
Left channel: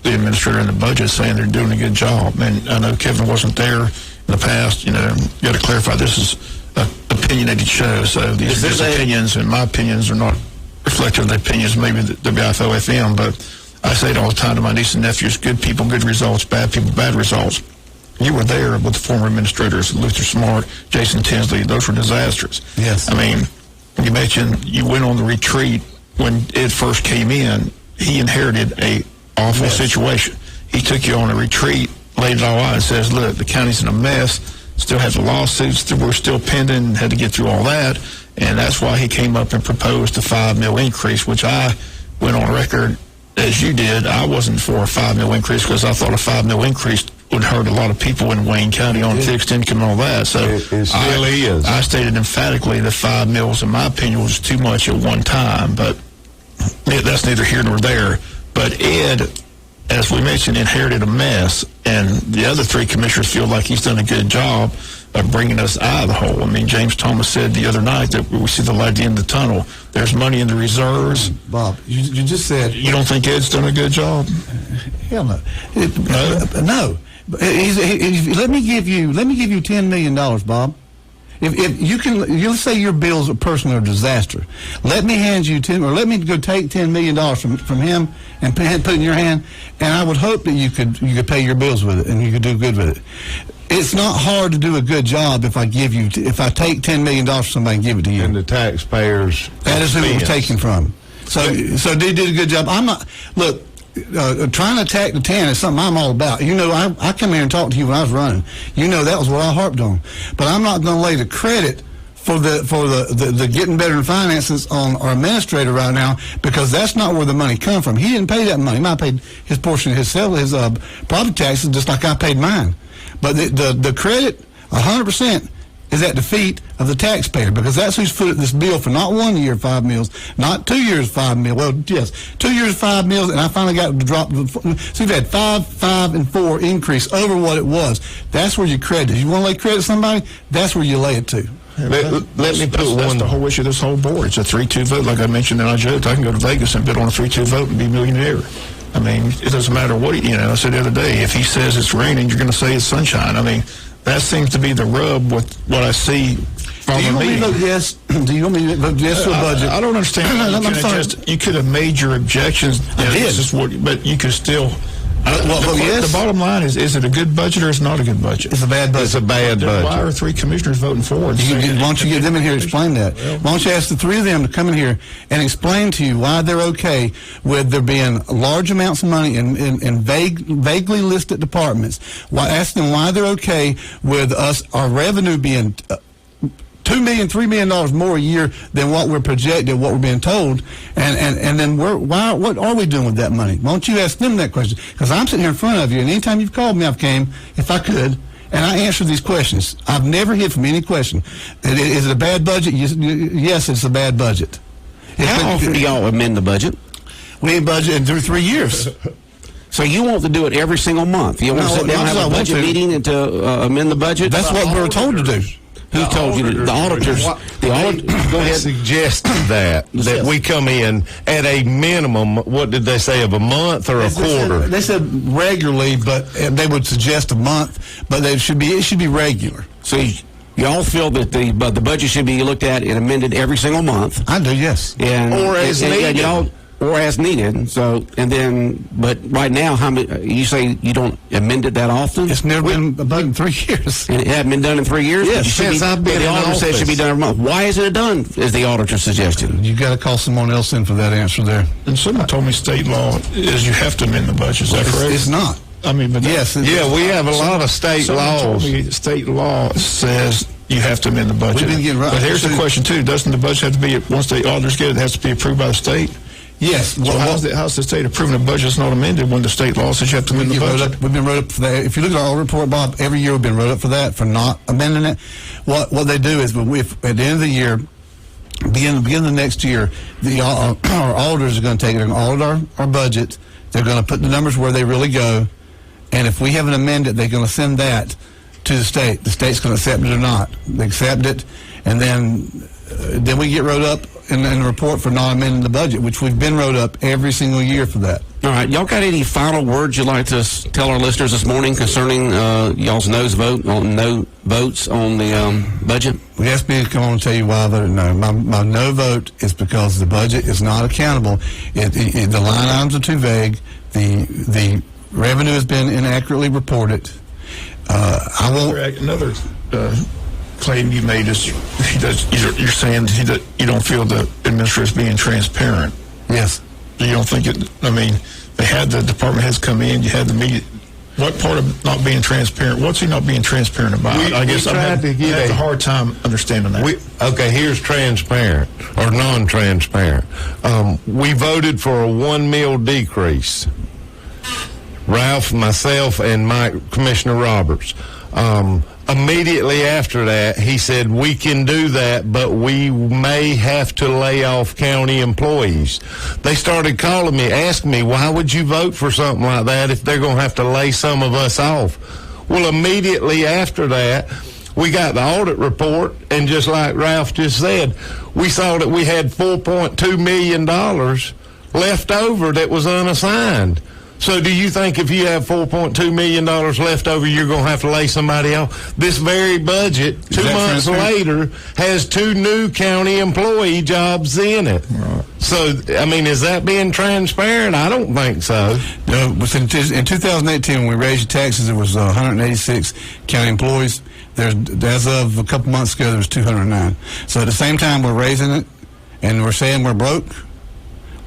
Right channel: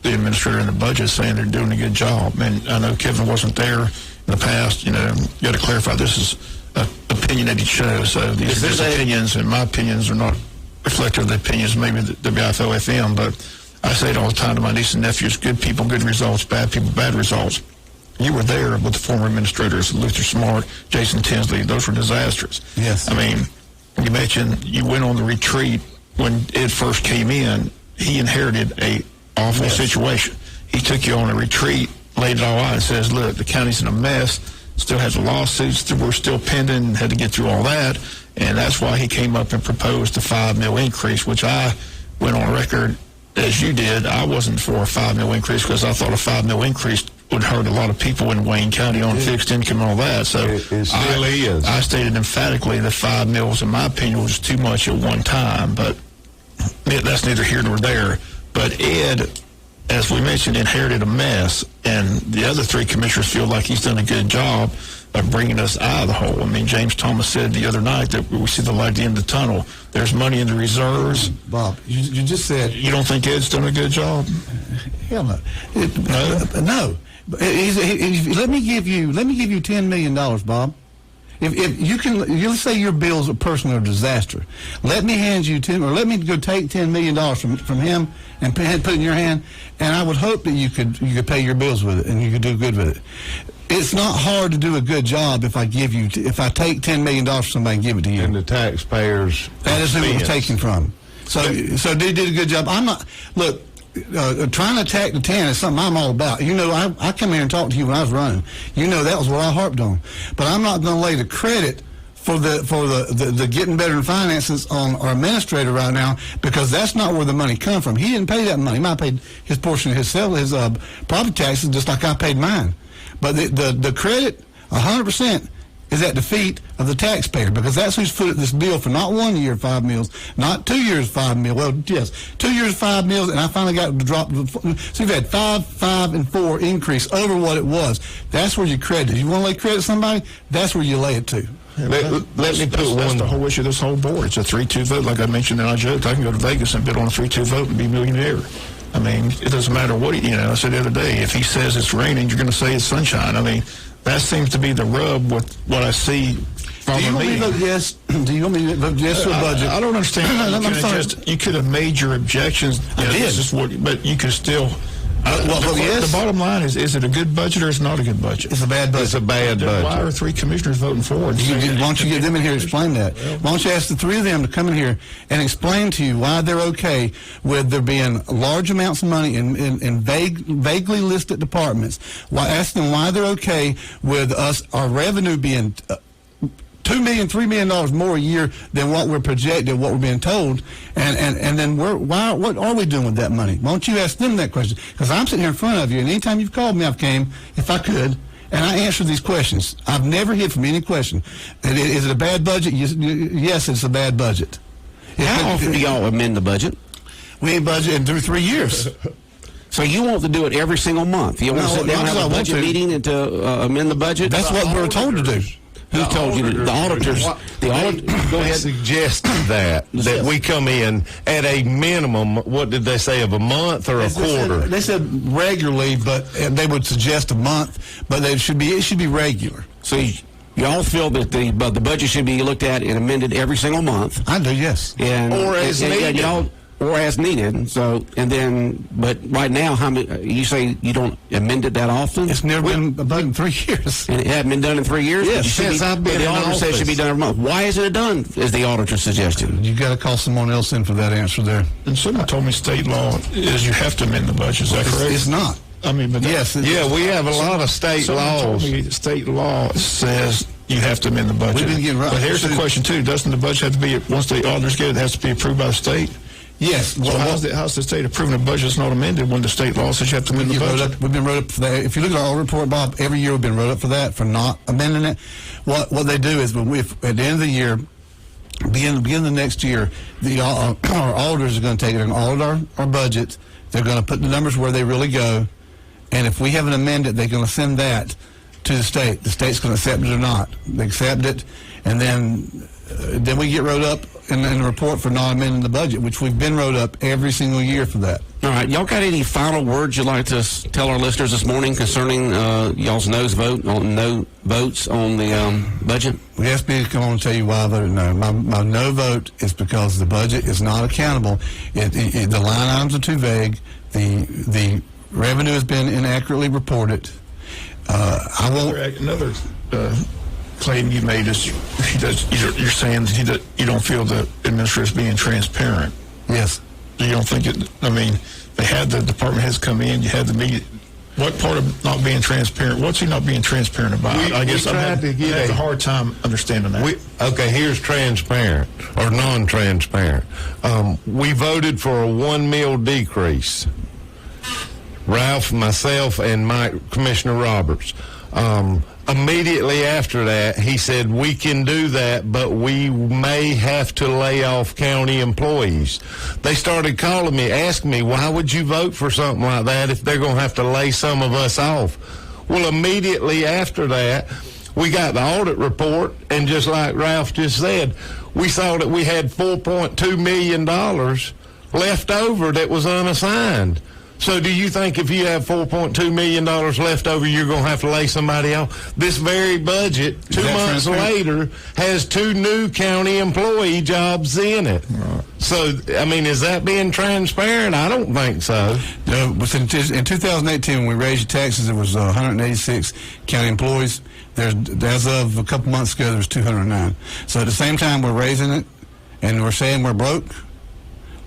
the administrator and the budget, saying they're doing a good job. And I know Kevin wasn't there in the past. You got to clarify this is an opinionated show. So these opinions, and my opinions, are not reflective of the opinions maybe the BIFO FM. But I say it all the time to my niece and nephews: good people, good results; bad people, bad results. You were there with the former administrators, Luther Smart, Jason Tinsley. Those were disasters. Yes. I mean, you mentioned you went on the retreat. When it first came in, he inherited a awful situation. He took you on a retreat, laid it all out, and says, look, the county's in a mess, still has the lawsuits that were still pending, had to get through all that, and that's why he came up and proposed a $5 million increase, which I went on record, as you did. I wasn't for a $5 million increase because I thought a $5 million increase would hurt a lot of people in Wayne County on fixed income and all that. So I stated emphatically that $5 million, in my opinion, was too much at one time, but that's neither here nor there. But Ed, as we mentioned, inherited a mess, and the other three commissioners feel like he's done a good job of bringing us out of the hole. I mean, James Thomas said the other night that we see the light at the end of the tunnel. There's money in the reserves. Bob, you just said... You don't think Ed's done a good job? Hell no. No. Let me give you $10 million, Bob. If you can, you'll say your bills personally are a disaster. Let me hand you let me go take $10 million from him and put it in your hand, and I would hope that you could pay your bills with it and you could do good with it. It's not hard to do a good job if I take $10 million from somebody and give it to you. And the taxpayers. That is who it's taken from. So they did a good job. I'm not trying to attack the 10 is something I'm all about. I come here and talk to you when I was running. That was what I harped on. But I'm not going to lay the credit for the getting better in finances on our administrator right now, because that's not where the money come from. He didn't pay that money. He might have paid his portion of his property taxes just like I paid mine. But the credit, 100%, is at the feet of the taxpayer, because that's who's put this bill for not 1 year 5 meals, not 2 years 5 meals. Well, yes, 2 years 5 meals, and I finally got to drop. So you've had 5, and 4 increase over what it was. That's where you credit. If you want to lay credit to somebody, that's where you lay it to. Let me put that's the whole issue of this whole board. It's a 3-2 vote. Like I mentioned, and I joked, I can go to Vegas and bid on a 3-2 vote and be a millionaire. I mean, it doesn't matter what I said the other day, if he says it's raining, you're going to say it's sunshine. I mean, that seems to be the rub with what I see from the meeting. Do you want me to vote yes to the budget? I don't understand. You could have made your objections. I did. But you could still... yes. The bottom line is it a good budget or is it not a good budget? It's a bad budget. It's a bad budget. Why are 3 commissioners voting for it? Why don't you get them in here to explain that? Why don't you ask the 3 of them to come in here and explain to you why they're okay with there being large amounts of money in vaguely listed departments? Ask them why they're okay with our revenue being $2 million, $3 million more a year than what we're projected, what we're being told, and then what are we doing with that money? Why don't you ask them that question? Because I'm sitting here in front of you, and anytime you've called me, I've came, if I could, and I answer these questions. I've never hit from any question. Is it a bad budget? Yes, it's a bad budget. How often do y'all amend the budget? We ain't budgeted through 3 years. So you want to do it every single month? You want to sit down and have a budget meeting and to amend the budget? That's what we're told to do. Who told you the auditors? The auditors suggested that we come in at a minimum. What did they say, of a month or a quarter? They said regularly, but they would suggest a month, but it should be regular. So you all feel that the budget should be looked at and amended every single month. I do, yes. And, or as needed. Or as needed. So, and then, but right now, how many? You say you don't amend it that often? It's never been done in 3 years. And it hasn't been done in 3 years? Yes, since I've been in auditor says it office. should be done every month. Why isn't it done, as the auditor suggested? You got to call someone else in for that answer there. And someone told me state law is you have to amend the budget. Is that correct? It's not. I mean, but Yes. Yeah, we have a lot of state someone told laws. me state law says you have to amend the budget. We've been getting right. But here's the question too: doesn't the budget have to be, once the auditors get it, it has to be approved by the state? Yes. So how's the state approving a budget that's not amended when the state law says you have to amend the budget? We've been wrote up for that. If you look at our report, Bob, every year we've been wrote up for that, for not amending it. What they do is, when at the end of the year, begin the next year, our auditors are going to take it and audit our budget. They're going to put the numbers where they really go, and if we haven't amended, they're going to send that to the state. The state's going to accept it or not. They accept it, and then we get wrote up in the report for not amending the budget, which we've been wrote up every single year for that. All right, y'all got any final words you'd like to tell our listeners this morning concerning y'all's no votes on the budget? We asked me to come on and tell you why I voted no. My no vote is because the budget is not accountable. The line items are too vague. The revenue has been inaccurately reported. I will. Another claim you made is you're saying that you don't feel the administrator is being transparent. Yes. You don't think it? I mean, they had the department heads come in. You had the meeting. What part of not being transparent? What's he not being transparent about? I guess I have a hard time understanding that. Okay, here's transparent or non-transparent. We voted for a 1 mil decrease. Ralph, myself, and Commissioner Roberts. Immediately after that, he said, we can do that, but we may have to lay off county employees. They started calling me, asking me, why would you vote for something like that if they're going to have to lay some of us off? Well, immediately after that, we got the audit report, and just like Ralph just said, we saw that we had $4.2 million left over that was unassigned. So do you think if you have $4.2 million left over, you're going to have to lay somebody off? This very budget, 2 months later, has 2 new county employee jobs in it. Right. So, I mean, is that being transparent? I don't think so. No, in 2018, when we raised the taxes, there was 186 county employees. As of a couple months ago, there was 209. So at the same time, we're raising it, and we're saying we're broke.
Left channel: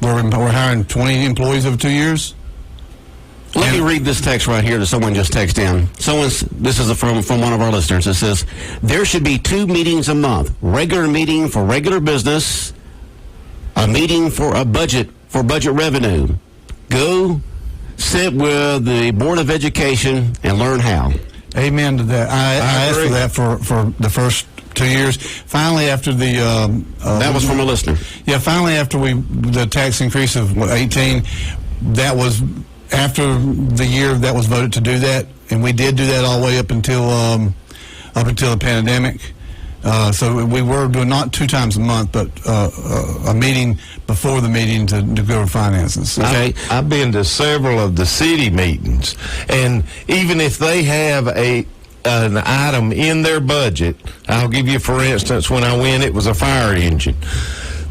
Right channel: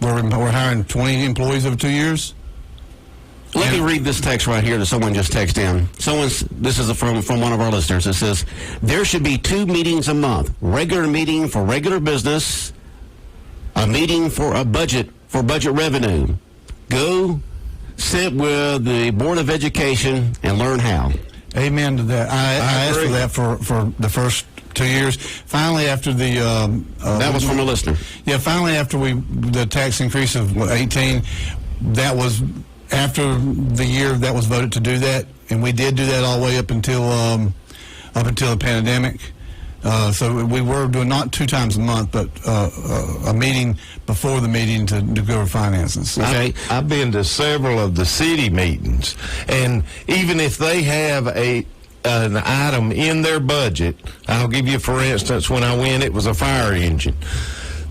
We're hiring 20 employees over 2 years. Let me read this text right here that someone just texted in. This is from one of our listeners. It says, there should be 2 meetings a month. Regular meeting for regular business, a meeting for budget revenue. Go sit with the Board of Education and learn how. Amen to that. I asked for that for the first 2 years. Finally, after the that was from a listener. Yeah, finally after the tax increase of 18, that was after the year that was voted to do that, and we did do that all the way up until the pandemic. So we were doing not 2 times a month, but a meeting before the meeting to go over finances. Okay, I've been to several of the city meetings, and even if they have an item in their budget, I'll give you, for instance, when I went, it was a fire engine.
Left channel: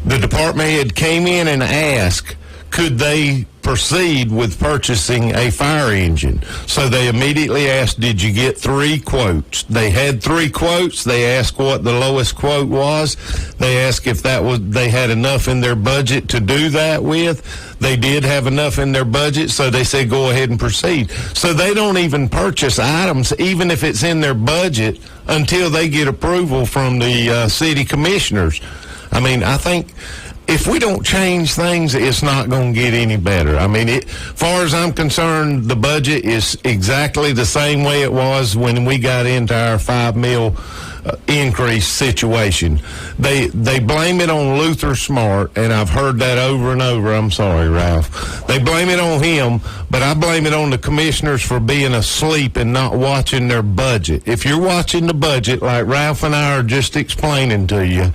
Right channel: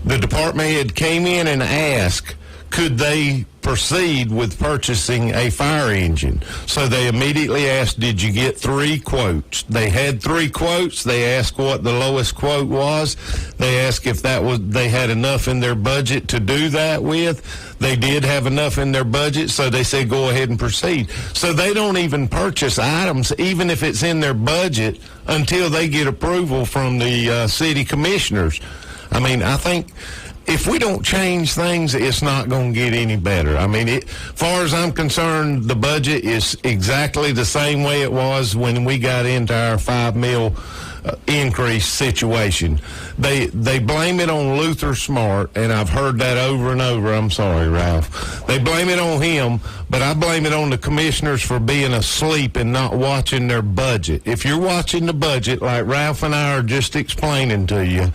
The department head came in and asked, could they proceed with purchasing a fire engine? So they immediately asked, did you get 3 quotes? They had 3 quotes. They asked what the lowest quote was. They asked if they had enough in their budget to do that with. They did have enough in their budget, so they said go ahead and proceed. So they don't even purchase items, even if it's in their budget, until they get approval from the city commissioners. I mean, I think if we don't change things, it's not going to get any better. I mean, as far as I'm concerned, the budget is exactly the same way it was when we got into our 5 mil increase situation. They blame it on Luther Smart, and I've heard that over and over. I'm sorry, Ralph. They blame it on him, but I blame it on the commissioners for being asleep and not watching their budget. If you're watching the budget like Ralph and I are just explaining to you,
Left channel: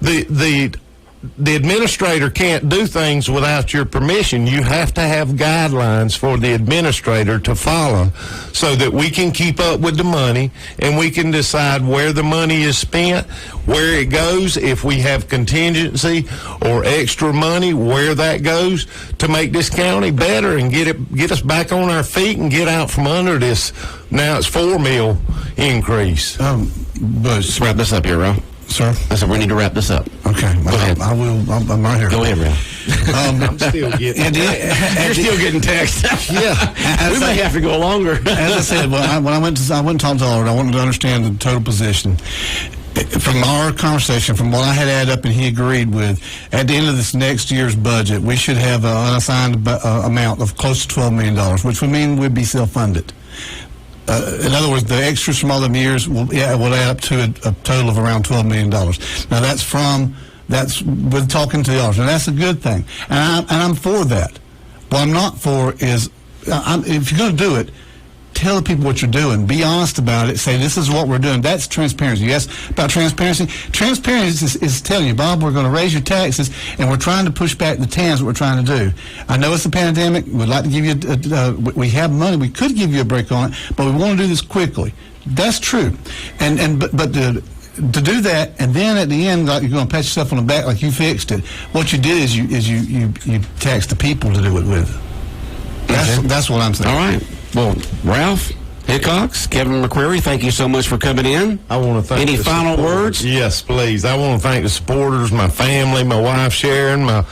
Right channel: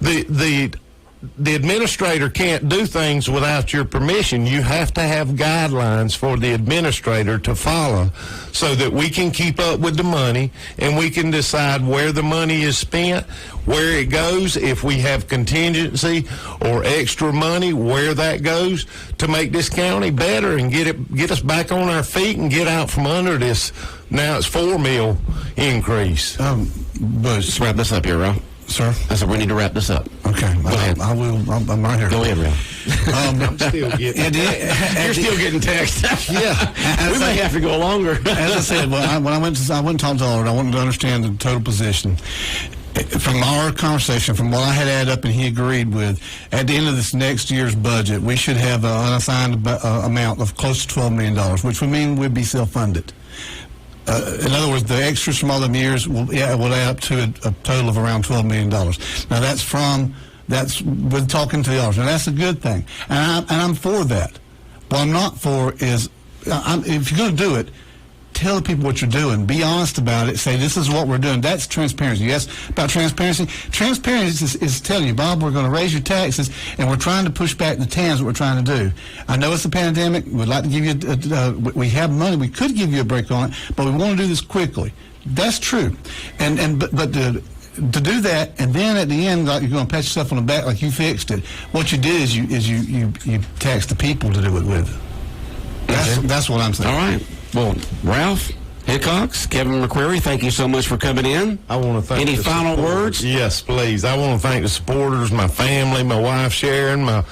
the administrator can't do things without your permission. You have to have guidelines for the administrator to follow so that we can keep up with the money and we can decide where the money is spent, where it goes, if we have contingency or extra money, where that goes to make this county better and get us back on our feet and get out from under this. Now it's $4 million increase. But let's wrap this up here, Ralph. Sir? I said we need to wrap this up. Okay. Go ahead. I will. I'm right here. Go ahead, Ralph. I'm still getting You're still getting text. Yeah. We may have to go longer. As I said, when I went and talked to the Lord, I wanted to understand the total position. From our conversation, from what I had added up and he agreed with, at the end of this next year's budget, we should have an unassigned amount of close to $12 million, which would mean we'd be self-funded. In other words, the extras from all the years will add up to a total of around $12 million. Now, that's with talking to the auditors, and that's a good thing. And I'm for that. What I'm not for is, if you're going to do it, tell people what you're doing. Be honest about it. Say, this is what we're doing. That's transparency. Yes, about transparency. Transparency is telling you, Bob, we're going to raise your taxes, and we're trying to push back the TANs, what we're trying to do. I know it's a pandemic. We'd like to give you, we have money. We could give you a break on it, but we want to do this quickly. That's true. But to do that, and then at the end, like you're going to pat yourself on the back like you fixed it, what you did is you taxed the people to do it with. That's what I'm saying. All right. Well, Ralph, Hickox, Kevin McCrary, thank you so much for coming in. I want to thank Any final words? Yes, please. I want to thank the supporters, my family, my wife Sharon, my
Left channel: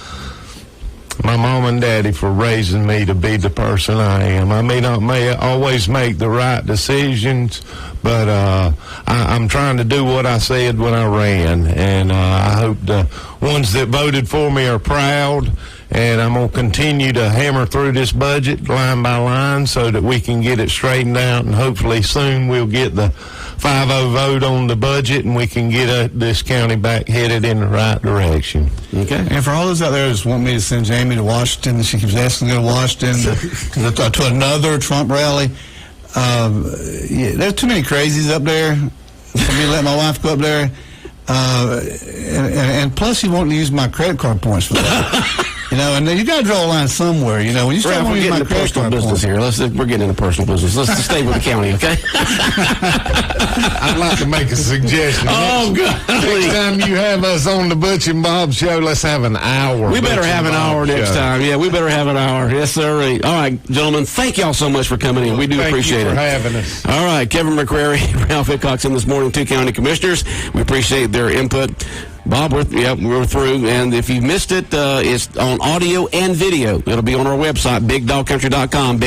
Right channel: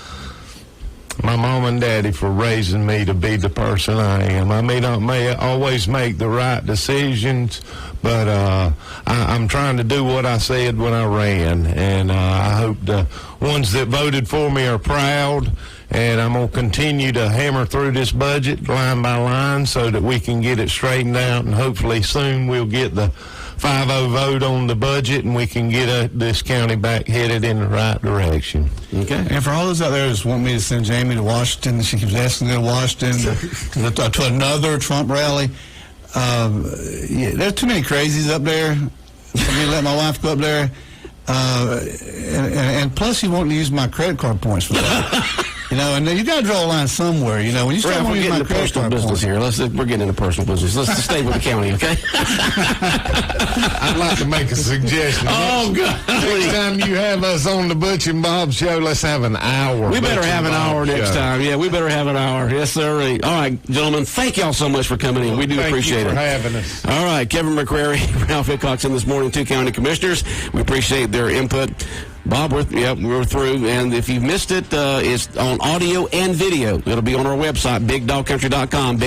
mom and daddy for raising me to be the person I am. I may not always make the right decisions, but I'm trying to do what I said when I ran, and I hope the ones that voted for me are proud. And I'm going to continue to hammer through this budget line by line so that we can get it straightened out, and hopefully soon we'll get the 5-0 vote on the budget and we can get this county back headed in the right direction. Okay. And for all those out there that just want me to send Jamie to Washington, she keeps asking to go to Washington to another Trump rally. There are too many crazies up there for me to let my wife go up there. And plus, you want to use my credit card points for that. And you got to draw a line somewhere. When you start we're using getting my into credit personal card business points here. We're getting into personal business. Let's stay with the county, okay? I'd like to make a suggestion. Oh, God. Next time you have us on the Butch and Bob Show, let's have an hour. We better have an hour next time. Yeah, we better have an hour. Yes, sir. All right, gentlemen, thank y'all so much for coming in. We do appreciate it. Thank you for having us. All right, Kevin McCrary, Ralph Hickox in this morning, 2 county commissioners. We appreciate their input. Bob, we're through, and if you missed it, it's on audio and video. It'll be on our website, bigdogcountry.com,